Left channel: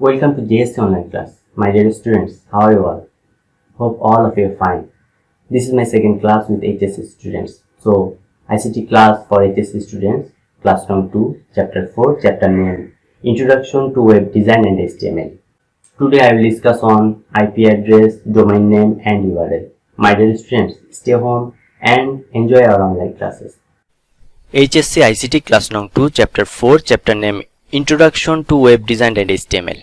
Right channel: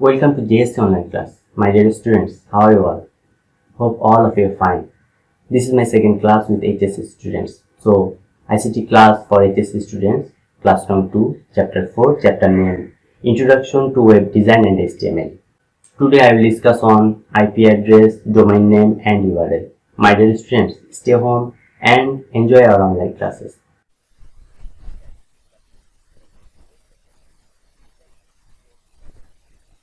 Welcome to JSC online class. My dear students, how are you all? Hope all of you are fine. This is my second class with HSC students. So, ICT class for HSC students, class number 2, chapter 4, chapter name, Introduction to Web Design and HTML. Today I will discuss on IP address, domain name and URL. My dear students, stay home and enjoy our online classes. HSC ICT class number 2 chapter 4 chapter name Introduction to Web Design and HTML.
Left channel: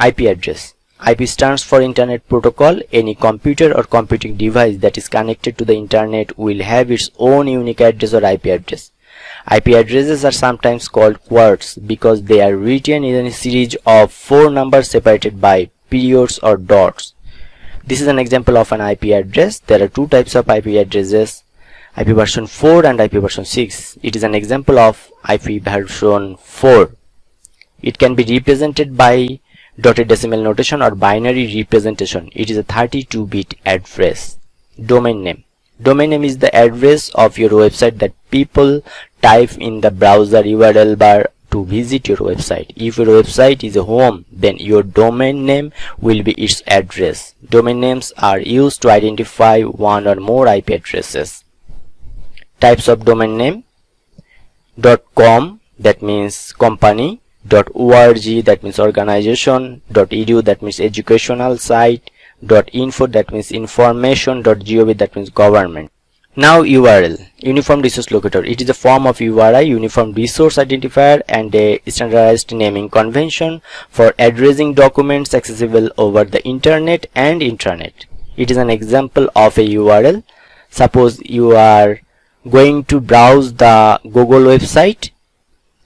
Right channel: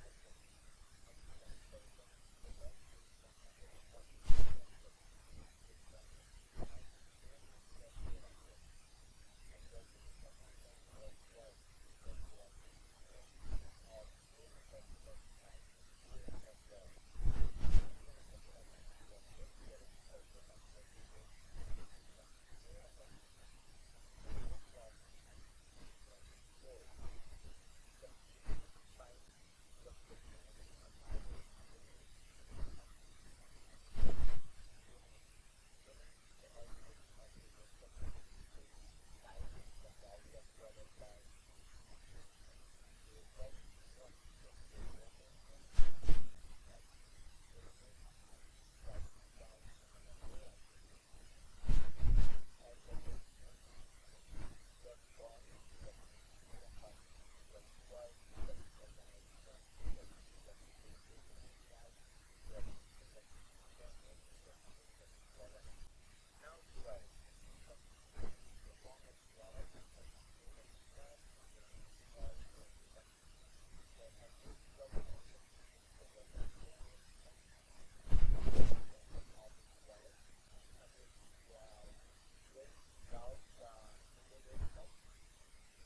IP address. IP stands for Internet Protocol. Any computer or computing device that is connected to the Internet will have its own unique address or IP address. IP addresses are sometimes called QWERTys because they are written in a series of 4 numbers separated by periods or dots. This is an example of an IP address. There are 2 types of IP addresses, IP version 4 and IP version 6. It is an example of IP version 4. It can be represented by dotted decimal notation or binary representation. It is a 32-bit address. Domain name. Domain name is the address of your website that people type in the browser URL bar to visit your website. If your website is a home, then your domain name will be its address. Domain names are used to identify one or more IP addresses. Types of domain name: .com, that means company; .org, that means organization; .edu, that means educational site; .info, that means information; .gov, that means government. Now URL, Uniform Resource Locator. It is a form of URI, Uniform Resource Identifier, and a standardized naming convention for addressing documents accessible over the internet and intranet. It is an example of a URL. Suppose you are going to browse the Google website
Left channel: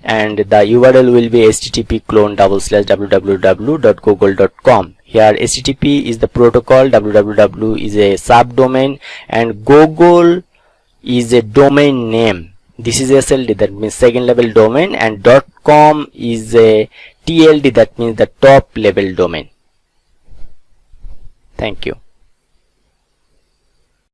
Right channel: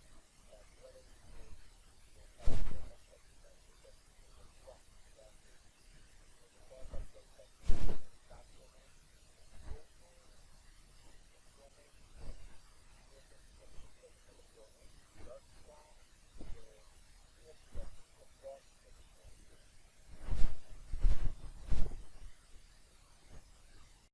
and the URL will be http://www.google.com. Here http is the protocol, www is a subdomain, and Google is a domain name. This is SLD, that means second level domain, and .com is a TLD, that means the top level domain. Thank you.